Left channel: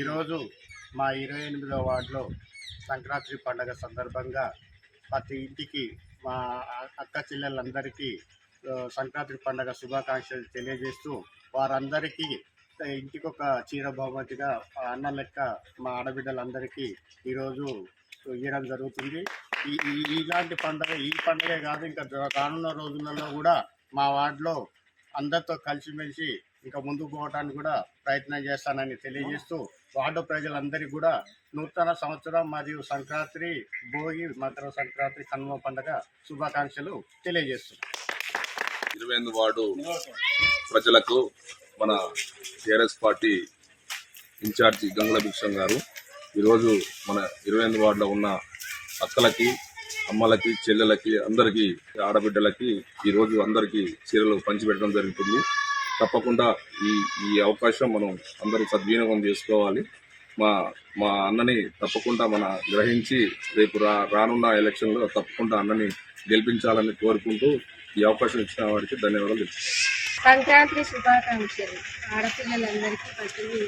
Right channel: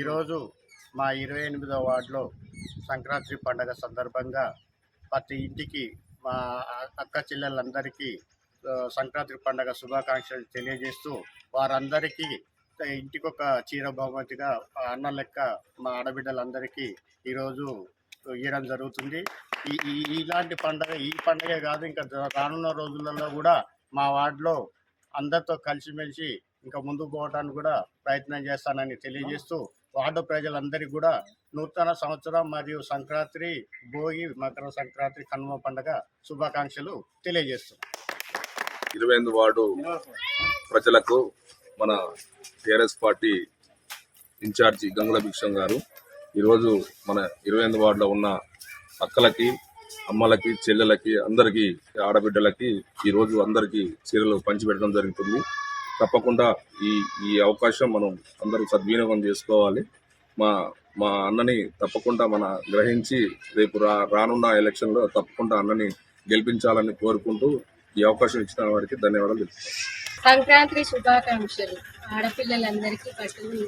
ఈరోజు మా 28వ వార్డులో సంక్రాంతి పండుగ సందర్భంగా ప్రతి ఇంటికి మా అక్క చెల్లెలందరికీ సంక్రాంతి పండుగ శుభాకాంక్షలు తెలియజేస్తూ వారందరికీ ఇంటికి ఒక చీర బహుమతిగా అన్న లెక్క మా ఆడబిడ్డలందరికీ ఈరోజు ఇవ్వడం జరుగుతుంది. ఇలాంటి పండుగ ఈ పండుగ కాదు, ఇంకా రానున్న రోజులలో కూడా మా వార్డులో అందరితో కలిసిమెలిసి ఇంకా ముందుకు పోవడానికి కూడా ప్రయత్నం చేస్తానని తెలియజేస్తూ వార్డు ప్రజలందరికీ కూడా నూతన సంవత్సరం మరియు సంక్రాంతి, భోగి, మకర సంక్రాంతి, కనుమ పండుగ శుభాకాంక్షలు తెలియజేస్తున్నాం. 28 వార్డు ప్రజలకు మన టీఆర్ఎస్ పార్టీ ఇన్ఛార్జి గంగుల భిక్షం గారు ఈరోజు మన 28 వార్డులో ఉన్న అక్కలకి, అమ్మలకి, చెల్లెలకి, అందరికీ, ఆడబిడ్డలకి ఈరోజు అందరికీ చీరలు పంచిపెట్టడం జరుగుతుంది. తప్పకుండా ఈ అవకాశం మనం అందరూ సద్వినియోగం చేసుకోవాలి. మా అన్నని తప్పకుండా గ్రహించి రేపు రానున్న ఎలక్షన్లో తప్పకుండా అన్నని గెలిపించాలని కోరుకుంటూ ఈ అవకాశం ఇచ్చిన వారికి ధన్యవాదాలు తెలుపుతున్నాను. సంక్రాంతి శుభాకాంక్షలు. ఆడపిల్లలందరికీ పట్టులు